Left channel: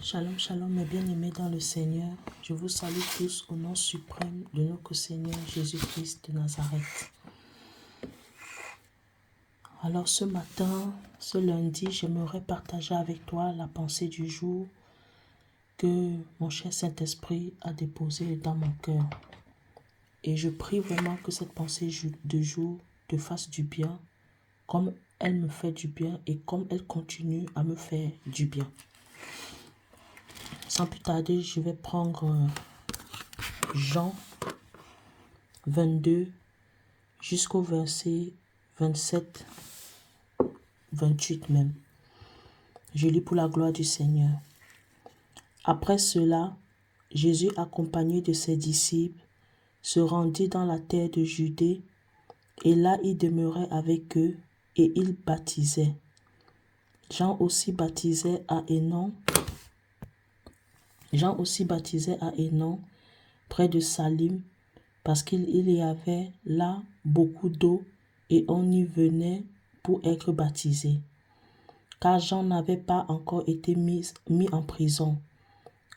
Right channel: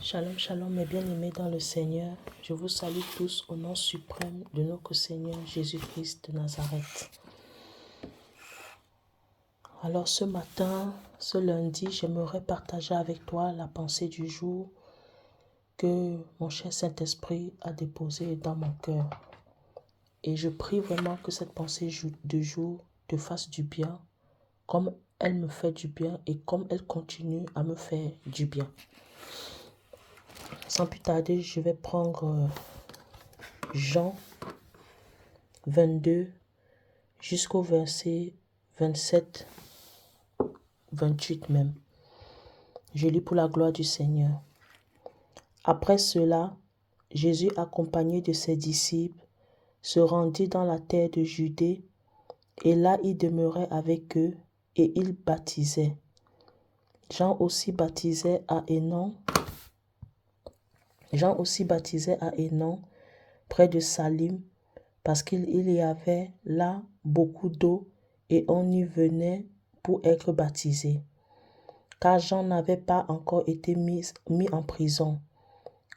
Shalom, shalom, mes bien-aimés dans le Seigneur. Je vous salue tous au nom suprême de notre Seigneur Jésus-Christ de Nazareth. Alors ce matin, ce lundi, j'aimerais partager avec toi la pensée du jour que mon cher Saint-Esprit a déposée dans mon cœur. Et je prie vraiment que cette pensée de jour te fasse du bien, comme elle me fait du bien et comme elle continue à me faire du bien. Sans plus tarder, je vais prendre Jean 22 jusqu'au verset 27, 28 même. Je lis pour la gloire du Seigneur. Après cela, Jésus, accompagné de ses disciples, se rendit dans la terre de Judée, et là il demeurait avec eux, et il baptisait. Jean aussi baptisait à Hénon, près de Salim, parce qu'il y avait là beaucoup d'eau, et on y venait pour être baptisé. Car Jean n'avait pas encore été mis en prison.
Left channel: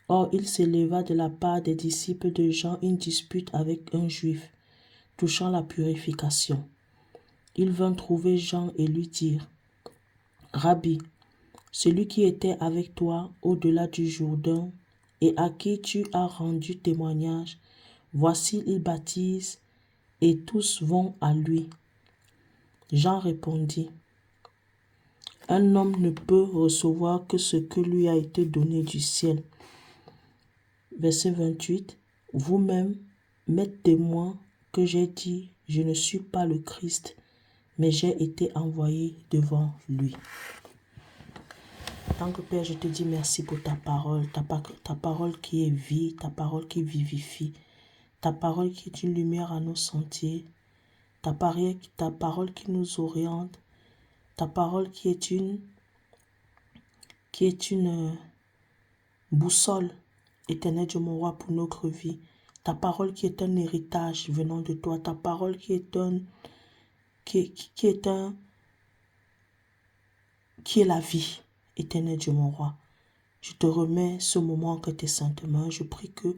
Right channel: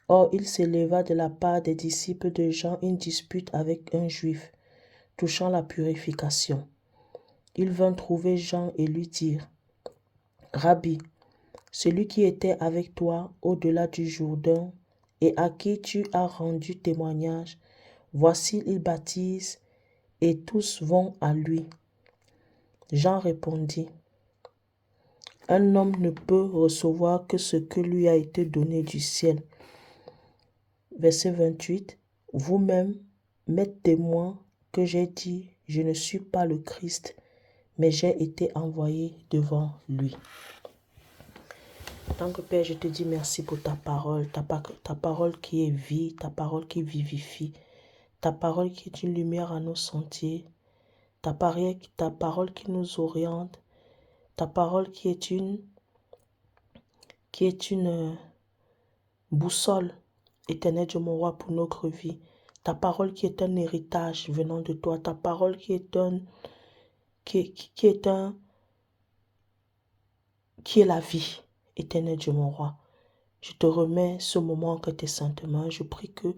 Or, il s'éleva de la part des disciples de Jean une dispute avec un juif, touchant la purification. Il vint trouver Jean et lui dire, « Rabbi, celui qui était avec toi au-delà du Jourdain et à qui tu as rendu témoignage, voici il baptise et tous vont à lui. » Jean répondit, « Un homme ne peut recevoir que ce que lui a été donné du ciel. » Verset 28. Vous-même m'êtes témoin que j'ai dit, je ne suis pas le Christ, mais j'ai été envoyé devant lui. Tant que Père, je te dis merci pour ta parole qui est vie, ta parole qui vivifie, ta parole qui est une lumière à nos sentiers, ta parole qui nous oriente, ta parole qui est une boussole éternelle de mon roi pour notre vie. Ta parole qui est un héritage venant de toi. Ta parole qui est la vie éternelle de mon roi. Je te remets ce moment entre tes saintes mains. Je prie que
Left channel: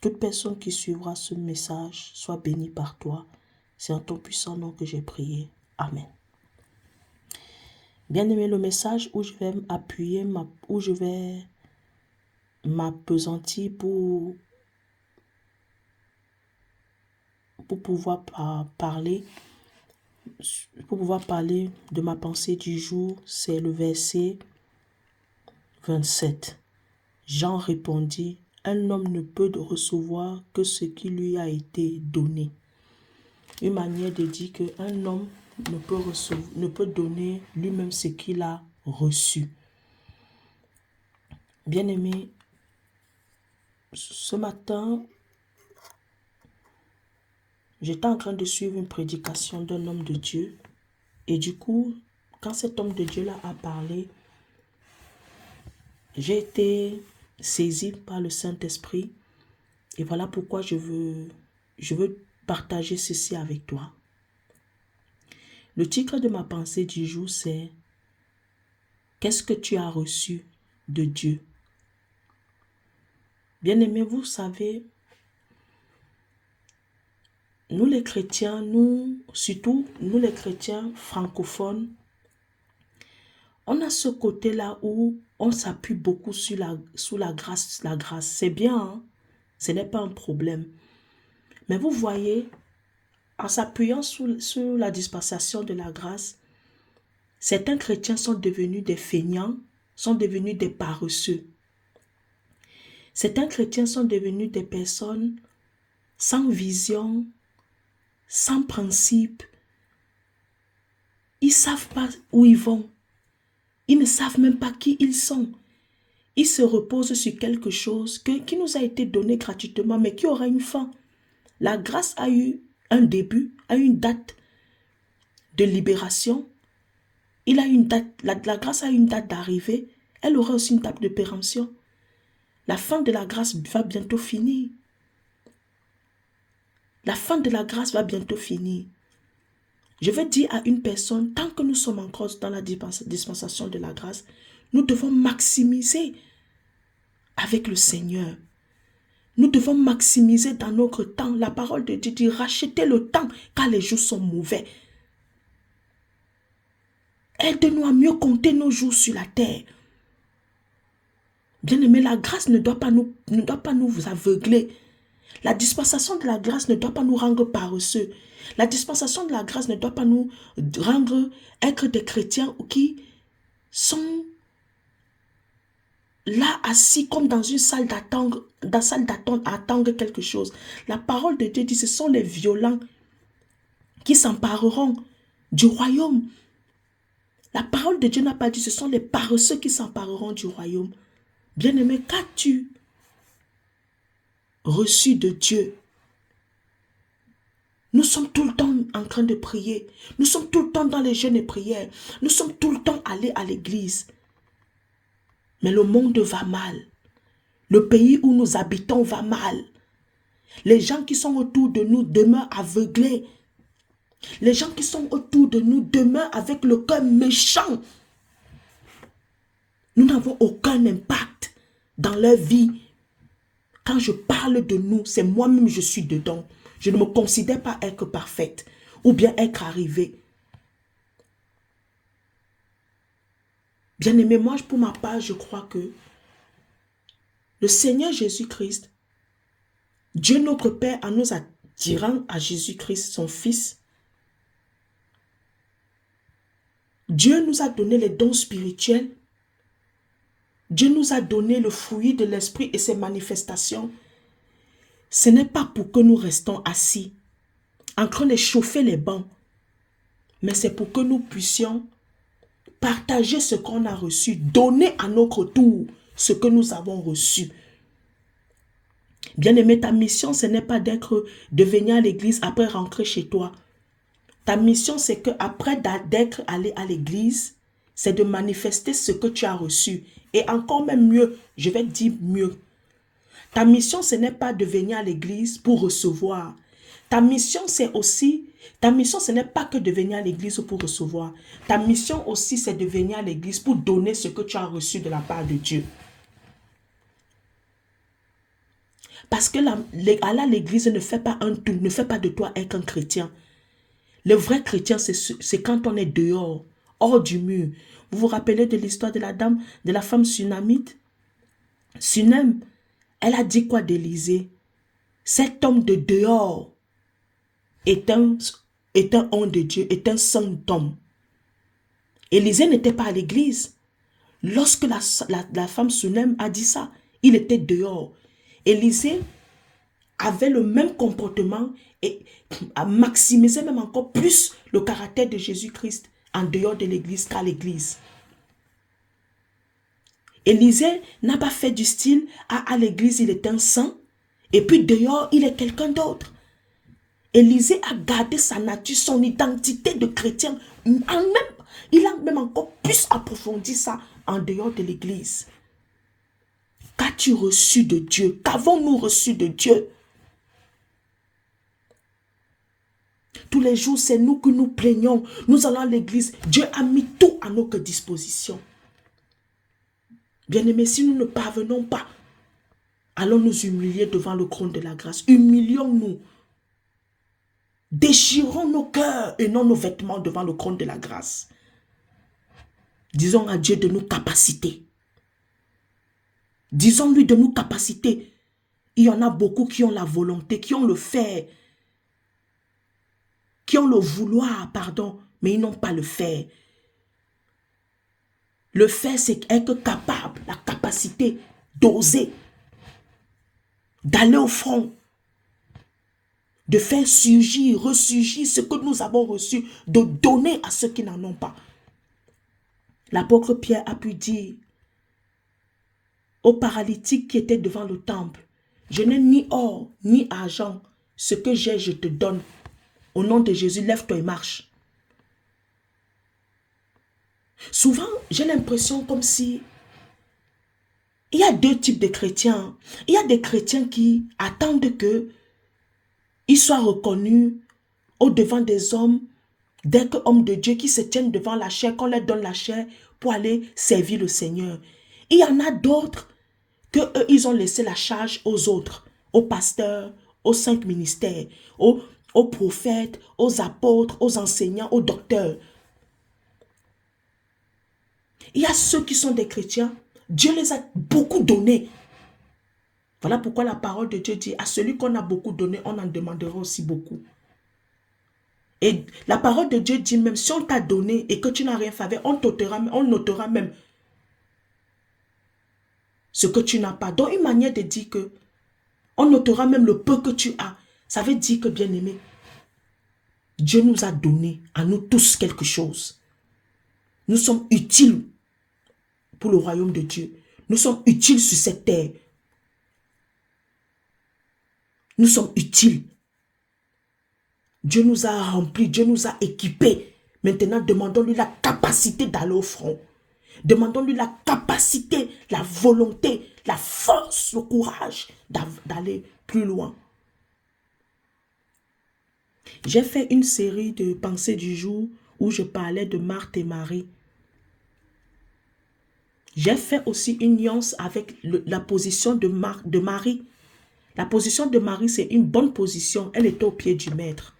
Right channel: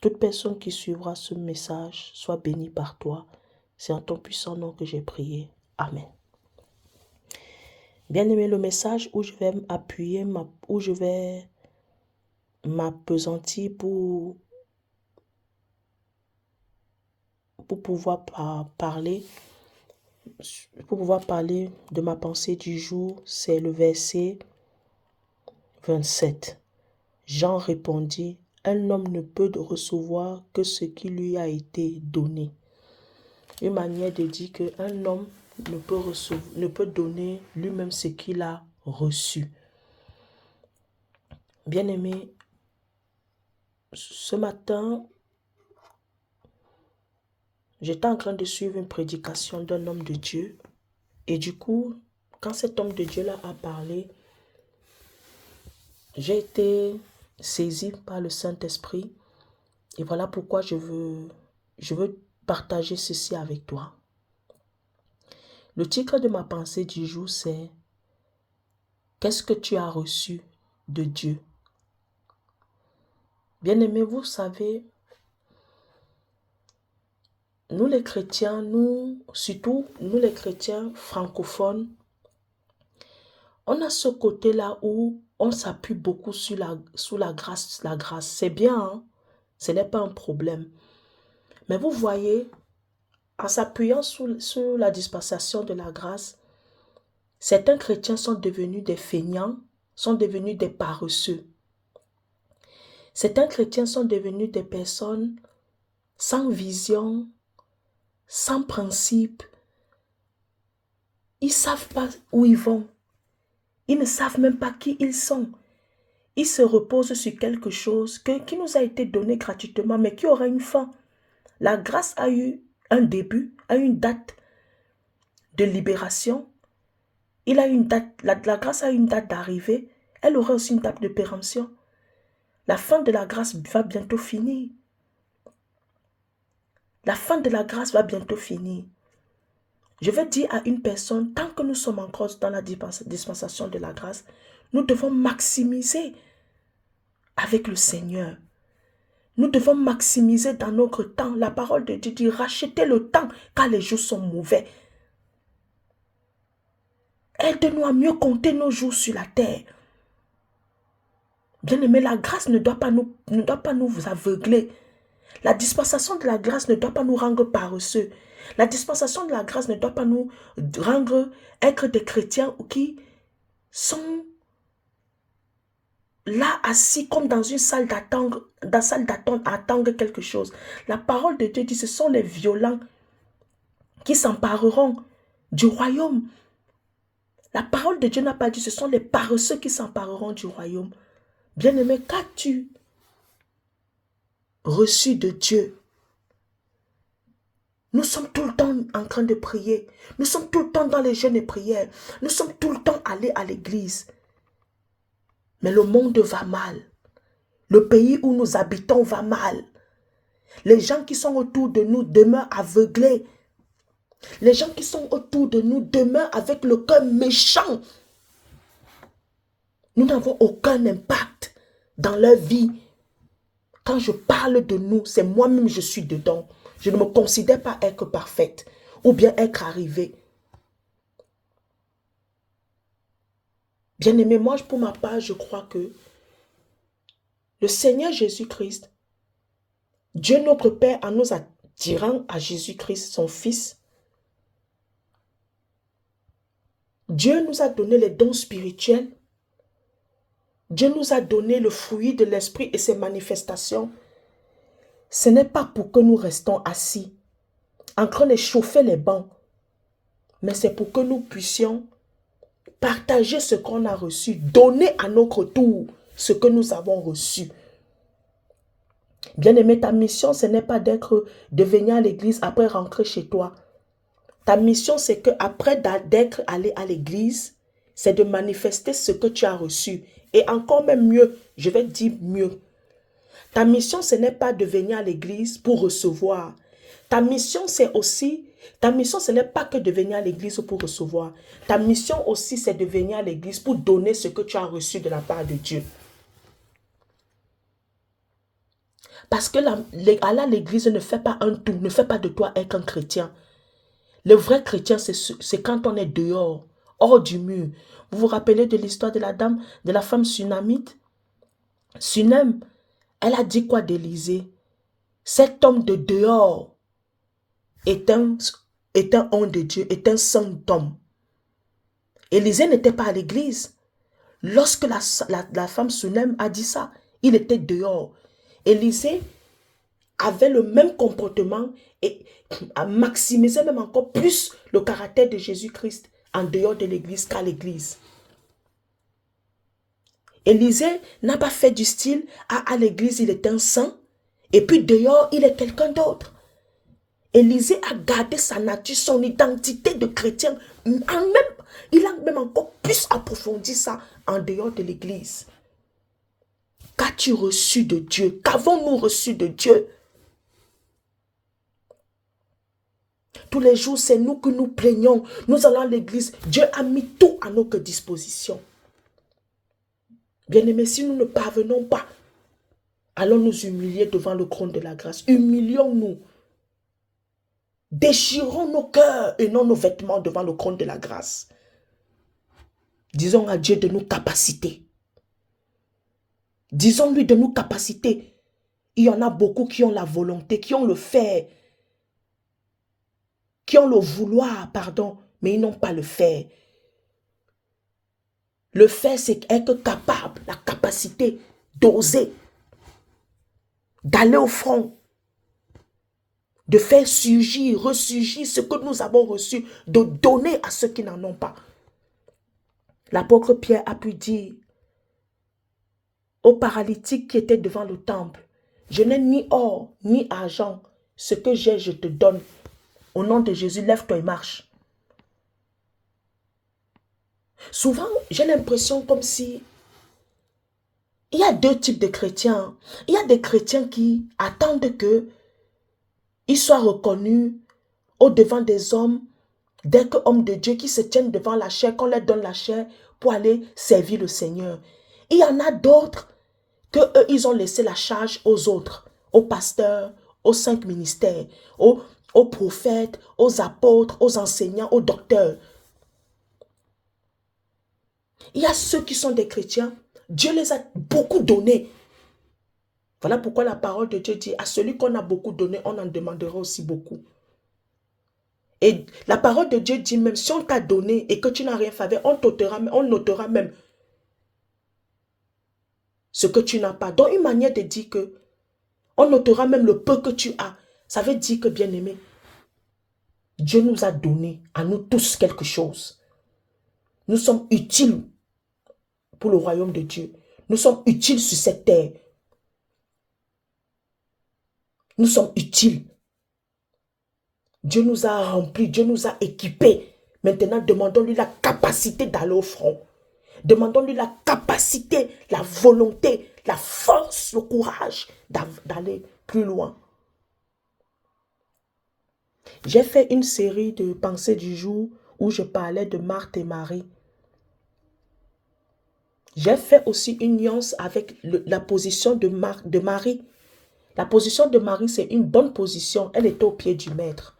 toute personne qui suivra ce message soit bénie par toi. C'est en ton puissant nom que j'ai prié. Amen. Bien-aimé, le message où je vais m'appuyer, où je vais m'appesantir pour pouvoir parler de ma pensée du jour, c'est le verset 27. Jean répondit, « Un homme ne peut recevoir que ce qui lui a été donné. » Une manière de dire qu'un homme ne peut donner lui-même ce qu'il a reçu. Bien-aimé, ce matin, j'étais en train de suivre une prédication d'un homme de Dieu. Et du coup, quand cet homme de Dieu-là a parlé, j'ai été saisie par le Saint-Esprit. Et voilà pourquoi je veux partager ceci avec toi. Le titre de ma pensée du jour, c'est « Qu'est-ce que tu as reçu de Dieu ?» Bien-aimés, vous savez, nous les chrétiens, surtout nous les chrétiens francophones, on a ce côté-là où on s'appuie beaucoup sur la grâce. La grâce, c'est bien, hein? Ce n'est pas un problème. Mais vous voyez, en s'appuyant sur la dispensation de la grâce, certains chrétiens sont devenus des feignants, sont devenus des paresseux. Certains chrétiens sont devenus des personnes sans vision, sans principe. Ils ne savent pas où ils vont. Ils ne savent même pas qui ils sont. Ils se reposent sur quelque chose qui nous a été donné gratuitement, mais qui aura une fin. La grâce a eu un début, a une date de libération. La grâce a une date d'arrivée. Elle aura aussi une date de péremption. La fin de la grâce va bientôt finir. La fin de la grâce va bientôt finir. Je vais dire à une personne, tant que nous sommes encore dans la dispensation de la grâce, nous devons maximiser avec le Seigneur. Nous devons maximiser dans notre temps. La parole de Dieu dit, rachetez le temps car les jours sont mauvais. Aide-nous à mieux compter nos jours sur la terre. Bien-aimé, la grâce ne doit pas nous aveugler. La dispensation de la grâce ne doit pas nous rendre paresseux. La dispensation de la grâce ne doit pas nous rendre être des chrétiens qui sont là assis comme dans une salle d'attente, à attendre quelque chose. La parole de Dieu dit, ce sont les violents qui s'empareront du royaume. La parole de Dieu n'a pas dit, ce sont les paresseux qui s'empareront du royaume. Bien-aimé, qu'as-tu reçu de Dieu? Nous sommes tout le temps en train de prier. Nous sommes tout le temps dans les jeûnes et prières. Nous sommes tout le temps allés à l'église. Mais le monde va mal. Le pays où nous habitons va mal. Les gens qui sont autour de nous demeurent aveuglés. Les gens qui sont autour de nous demeurent avec le cœur méchant. Nous n'avons aucun impact dans leur vie. Quand je parle de nous, c'est moi-même je suis dedans. Je ne me considère pas être parfaite ou bien être arrivée. Bien-aimé, moi pour ma part, je crois que le Seigneur Jésus-Christ, Dieu notre Père, en nous attirant à Jésus-Christ, son Fils, Dieu nous a donné les dons spirituels. Dieu nous a donné le fruit de l'Esprit et ses manifestations. Ce n'est pas pour que nous restons assis, en train de chauffer les bancs, mais c'est pour que nous puissions partager ce qu'on a reçu, donner à notre tour ce que nous avons reçu. Bien-aimé, ta mission, ce n'est pas de venir à l'église après rentrer chez toi. Ta mission, c'est qu'après d'être allé à l'église, c'est de manifester ce que tu as reçu. Et encore même mieux, je vais dire mieux. Ta mission, ce n'est pas de venir à l'église pour recevoir. Ta mission, ce n'est pas que de venir à l'église pour recevoir. Ta mission aussi, c'est de venir à l'église pour donner ce que tu as reçu de la part de Dieu. Parce que aller à l'église ne fait pas un tout, ne fait pas de toi être un chrétien. Le vrai chrétien, c'est quand on est dehors, hors du mur. Vous vous rappelez de l'histoire de la femme sunamite? Sunem, elle a dit quoi d'Élisée? Cet homme de dehors est un homme de Dieu, est un saint homme. Élisée n'était pas à l'église. Lorsque la femme Sunem a dit ça, il était dehors. Élisée avait le même comportement et a maximisé même encore plus le caractère de Jésus-Christ en dehors de l'église qu'à l'église. Élisée n'a pas fait du style, à l'église il est un saint et puis dehors il est quelqu'un d'autre. Élisée a gardé sa nature, son identité de chrétien. Il a même encore plus approfondi ça en dehors de l'église. Qu'as-tu reçu de Dieu? Qu'avons-nous reçu de Dieu? Tous les jours, c'est nous que nous plaignons. Nous allons à l'église. Dieu a mis tout à notre disposition. Bien-aimés, si nous ne parvenons pas, allons nous humilier devant le trône de la grâce. Humilions-nous. Déchirons nos cœurs et non nos vêtements devant le trône de la grâce. Disons à Dieu de nous capaciter. Disons-lui de nous capaciter. Il y en a beaucoup qui ont la volonté, qui ont le faire, qui ont le vouloir, pardon, mais ils n'ont pas le faire. Le faire, c'est être capable, la capacité d'oser, d'aller au front, de faire surgir, ressurgir ce que nous avons reçu, de donner à ceux qui n'en ont pas. L'apôtre Pierre a pu dire au paralytique qui était devant le temple, je n'ai ni or, ni argent, ce que j'ai, je te donne. Au nom de Jésus, lève-toi et marche. Souvent, j'ai l'impression comme si il y a deux types de chrétiens. Il y a des chrétiens qui attendent qu'ils soient reconnus au-devant des hommes, d'être hommes de Dieu qui se tiennent devant la chair, qu'on leur donne la chair pour aller servir le Seigneur. Il y en a d'autres qu'eux, ils ont laissé la charge aux autres, aux pasteurs, aux 5 ministères, aux prophètes, aux apôtres, aux enseignants, aux docteurs. Il y a ceux qui sont des chrétiens, Dieu les a beaucoup donnés. Voilà pourquoi la parole de Dieu dit, à celui qu'on a beaucoup donné, on en demandera aussi beaucoup. Et la parole de Dieu dit même, si on t'a donné et que tu n'as rien fait, on notera même ce que tu n'as pas. Donc une manière de dire que, on notera même le peu que tu as. Ça veut dire que, bien aimé, Dieu nous a donné à nous tous quelque chose. Nous sommes utiles pour le royaume de Dieu. Nous sommes utiles sur cette terre. Nous sommes utiles. Dieu nous a remplis, Dieu nous a équipés. Maintenant, demandons-lui la capacité d'aller au front. Demandons-lui la capacité, la volonté, la force, le courage d'aller plus loin. J'ai fait une série de pensées du jour où je parlais de Marthe et Marie. J'ai fait aussi une nuance avec la position de Marie. La position de Marie, c'est une bonne position. Elle était au pied du maître.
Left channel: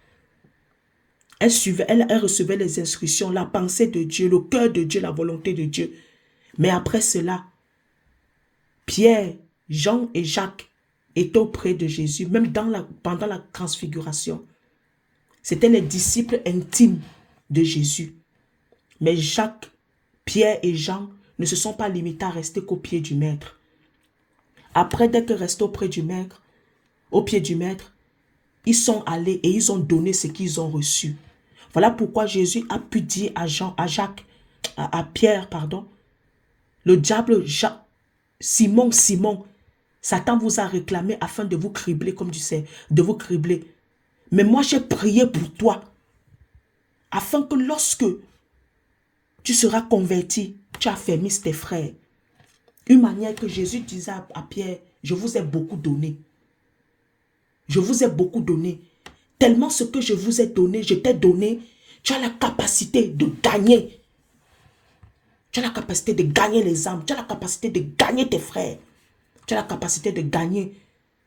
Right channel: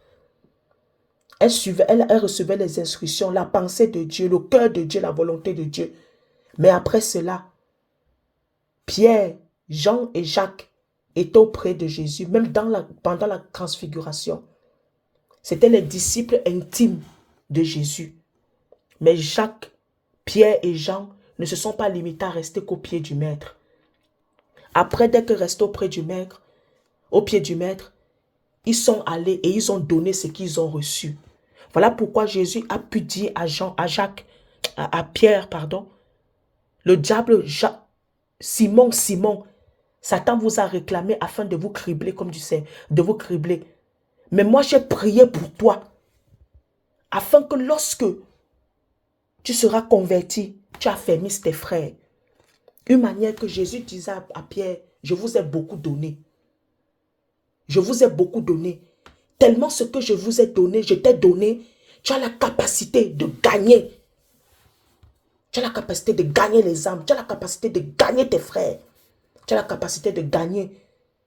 Elle recevait les instructions, la pensée de Dieu, le cœur de Dieu, la volonté de Dieu. Mais après cela, Pierre, Jean et Jacques étaient auprès de Jésus, même pendant la transfiguration. C'étaient les disciples intimes de Jésus. Mais Jacques, Pierre et Jean ne se sont pas limités à rester qu'au pied du maître. Après, dès qu'ils restaient au pied du maître, ils sont allés et ils ont donné ce qu'ils ont reçu. Voilà pourquoi Jésus a pu dire à Pierre, pardon, le diable, Simon, Simon, Satan vous a réclamé afin de vous cribler, comme tu sais, de vous cribler. Mais moi, j'ai prié pour toi, afin que lorsque tu seras converti, tu affermisses tes frères. Une manière que Jésus disait à Pierre, je vous ai beaucoup donné. Je vous ai beaucoup donné. Tellement ce que je vous ai donné, je t'ai donné, tu as la capacité de gagner. Tu as la capacité de gagner les âmes. Tu as la capacité de gagner tes frères. Tu as la capacité de gagner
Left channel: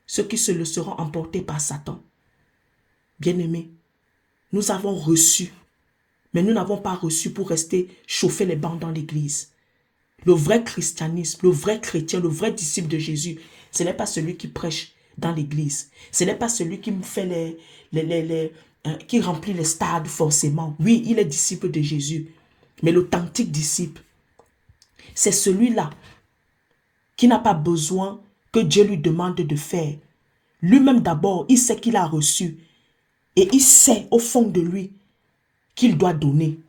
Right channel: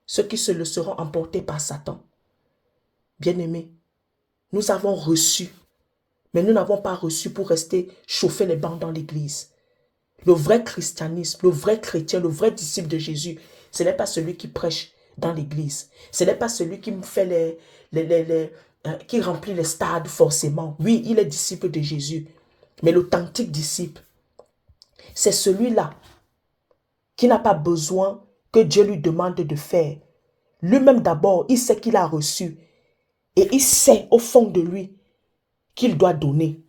ceux qui se le seront emportés par Satan. Bien-aimés, nous avons reçu, mais nous n'avons pas reçu pour rester chauffer les bancs dans l'église. Le vrai christianisme, le vrai chrétien, le vrai disciple de Jésus, ce n'est pas celui qui prêche dans l'église. Ce n'est pas celui qui fait qui remplit les stades forcément. Oui, il est disciple de Jésus. Mais l'authentique disciple, c'est celui-là qui n'a pas besoin que Dieu lui demande de faire. Lui-même d'abord, il sait qu'il a reçu. Et il sait au fond de lui qu'il doit donner.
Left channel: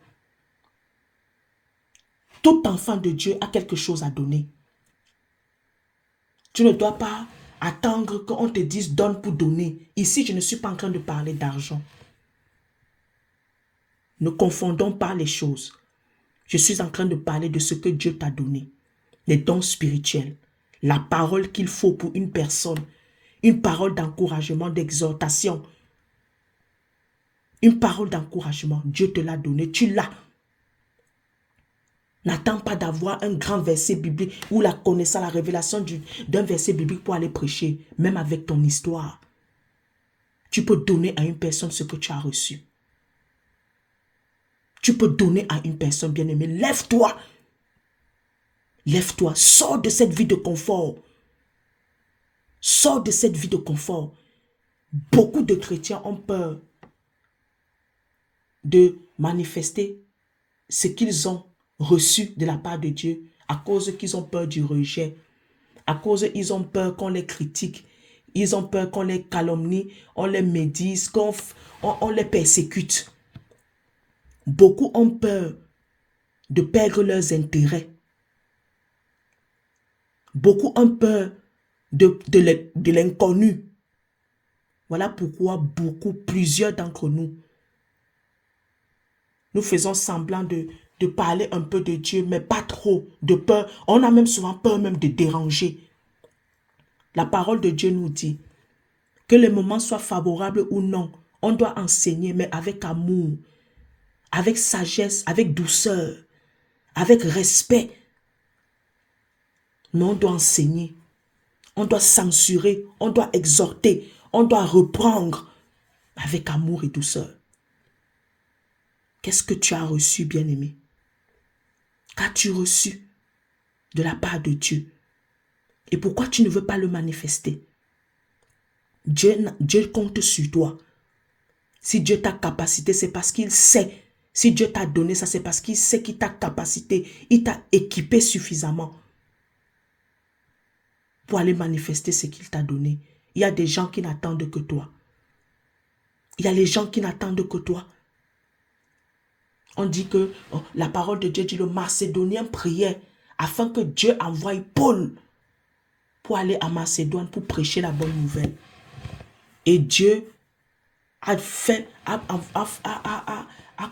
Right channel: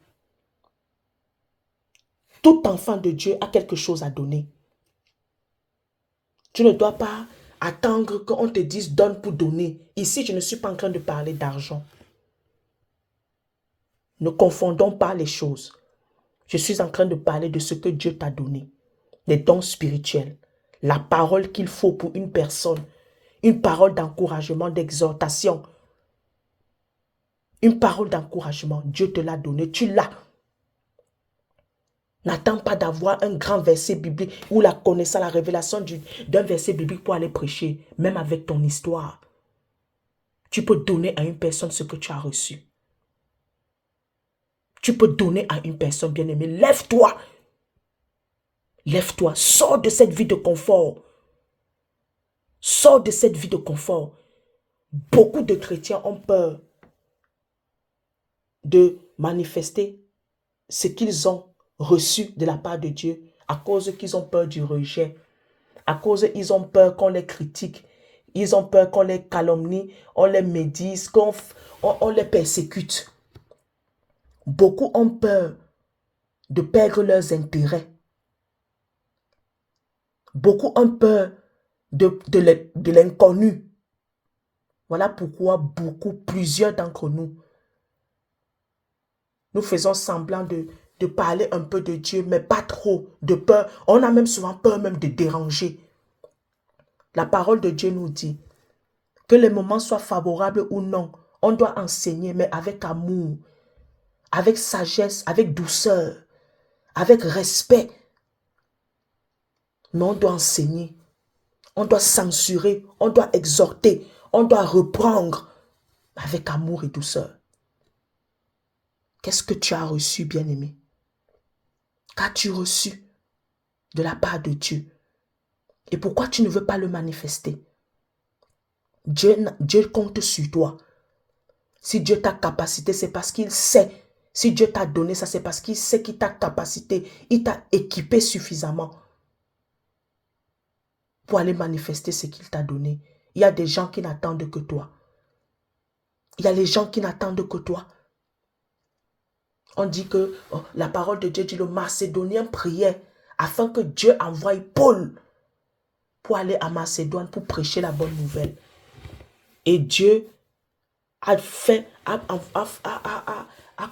Tout enfant de Dieu a quelque chose à donner. Tu ne dois pas attendre qu'on te dise donne pour donner. Ici, je ne suis pas en train de parler d'argent. Ne confondons pas les choses. Je suis en train de parler de ce que Dieu t'a donné. Les dons spirituels. La parole qu'il faut pour une personne. Une parole d'encouragement, d'exhortation. Une parole d'encouragement. Dieu te l'a donné. Tu l'as. N'attends pas d'avoir un grand verset biblique ou la connaissance, la révélation d'un verset biblique pour aller prêcher. Même avec ton histoire. Tu peux donner à une personne ce que tu as reçu. Tu peux donner à une personne bien-aimée. Lève-toi. Lève-toi. Sors de cette vie de confort. Sors de cette vie de confort. Beaucoup de chrétiens ont peur de manifester ce qu'ils ont reçu de la part de Dieu à cause qu'ils ont peur du rejet. À cause qu'ils ont peur qu'on les critique. Ils ont peur qu'on les calomnie, on les médise, qu'on les persécute. Beaucoup ont peur de perdre leurs intérêts. Beaucoup ont peur de l'inconnu. Voilà pourquoi plusieurs d'entre nous, nous faisons semblant de parler un peu de Dieu, mais pas trop, de peur. On a même souvent peur même de déranger. La parole de Dieu nous dit que les moments soient favorables ou non, on doit enseigner, mais avec amour, avec sagesse, avec douceur, avec respect. Mais on doit enseigner. On doit censurer, on doit exhorter, on doit reprendre avec amour et douceur. Qu'est-ce que tu as reçu, bien-aimé? Qu'as-tu reçu de la part de Dieu? Et pourquoi tu ne veux pas le manifester? Dieu compte sur toi. Si Dieu t'a capacité, c'est parce qu'il sait. Si Dieu t'a donné ça, c'est parce qu'il sait qu'il t'a capacité. Il t'a équipé suffisamment pour aller manifester ce qu'il t'a donné. Il y a des gens qui n'attendent que toi. Il y a les gens qui n'attendent que toi. On dit que la parole de Dieu dit le Macédonien priait afin que Dieu envoie Paul pour aller à Macédoine pour prêcher la bonne nouvelle. Et Dieu a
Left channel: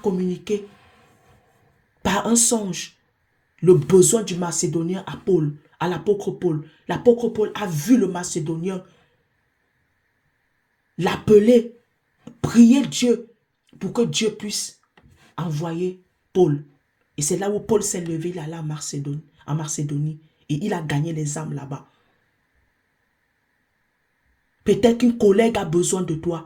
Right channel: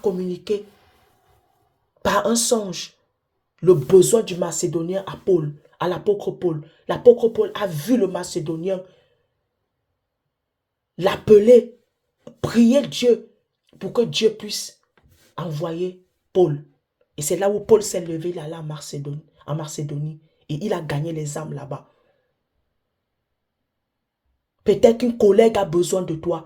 communiqué par un songe le besoin du Macédonien à Paul, à l'apôtre Paul. L'apôtre Paul a vu le Macédonien l'appeler, prier Dieu pour que Dieu puisse envoyer Paul. Et c'est là où Paul s'est levé, il allait en Macédonie et il a gagné les âmes là-bas. Peut-être qu'une collègue a besoin de toi.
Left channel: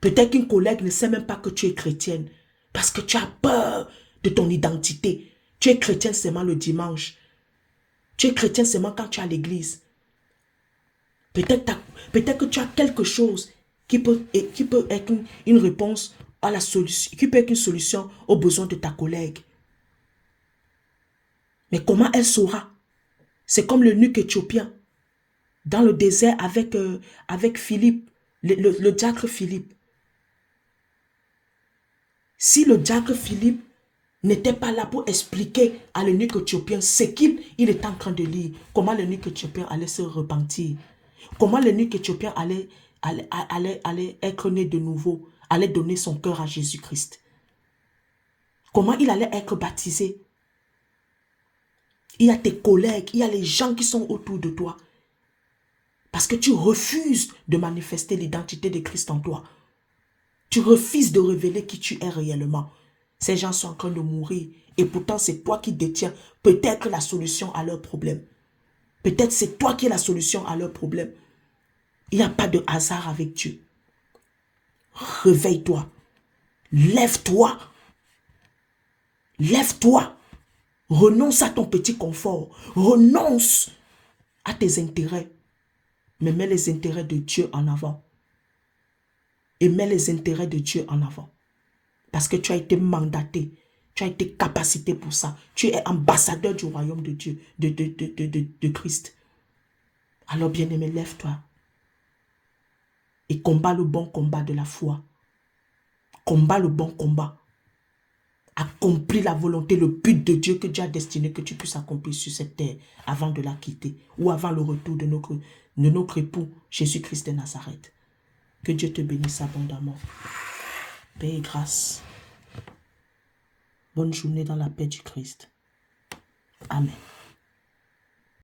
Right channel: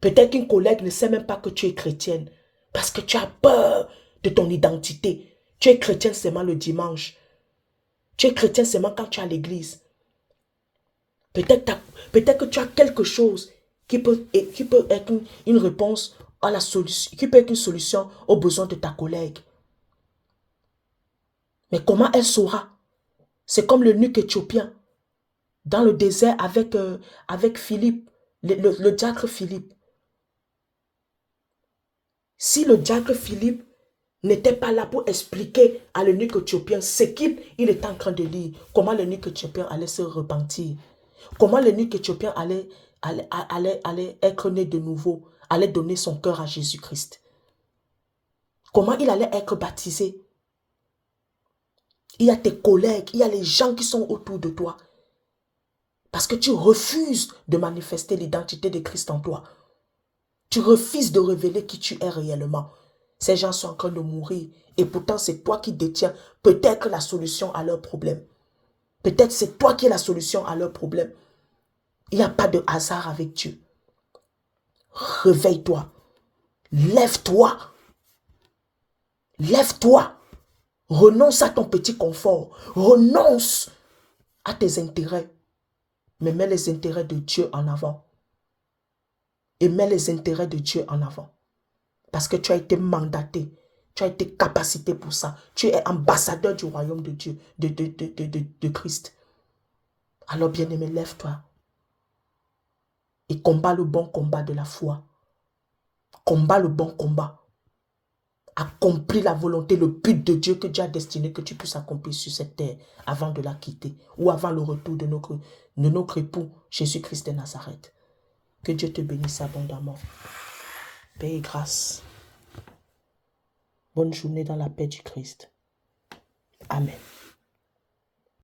Peut-être qu'une collègue ne sait même pas que tu es chrétienne parce que tu as peur de ton identité. Tu es chrétienne seulement le dimanche. Tu es chrétienne seulement quand tu es à l'église. Peut-être que tu as quelque chose qui peut être une réponse à la solution, qui peut être une solution aux besoins de ta collègue. Mais comment elle saura? C'est comme l'eunuque éthiopien dans le désert avec Philippe, le diacre Philippe. Si le diacre Philippe n'était pas là pour expliquer à l'eunuque éthiopien ce qu'il était en train de lire, comment l'eunuque éthiopien allait se repentir, comment l'eunuque éthiopien allait être né de nouveau, allait donner son cœur à Jésus-Christ. Comment il allait être baptisé. Il y a tes collègues, il y a les gens qui sont autour de toi. Parce que tu refuses de manifester l'identité de Christ en toi. Tu refuses de révéler qui tu es réellement. Ces gens sont en train de mourir. Et pourtant, c'est toi qui détiens peut-être la solution à leurs problèmes. Peut-être c'est toi qui es la solution à leurs problèmes. Il n'y a pas de hasard avec Dieu. Réveille-toi. Lève-toi. Lève-toi. Renonce à ton petit confort. Renonce à tes intérêts. Mais mets les intérêts de Dieu en avant. Et mets les intérêts de Dieu en avant. Parce que tu as été mandaté. Tu as été capacité pour ça. Tu es ambassadeur du royaume de Dieu, de Christ. Alors bien-aimé, lève-toi. Et combat le bon combat de la foi. Combat le bon combat. Accomplis la volonté, le but de Dieu que Dieu a destiné que tu puisses accomplir sur cette terre avant de la quitter ou avant le retour de notre époux Jésus-Christ de Nazareth. Que Dieu te bénisse abondamment. Paix et grâce. Bonne journée dans la paix du Christ. Amen.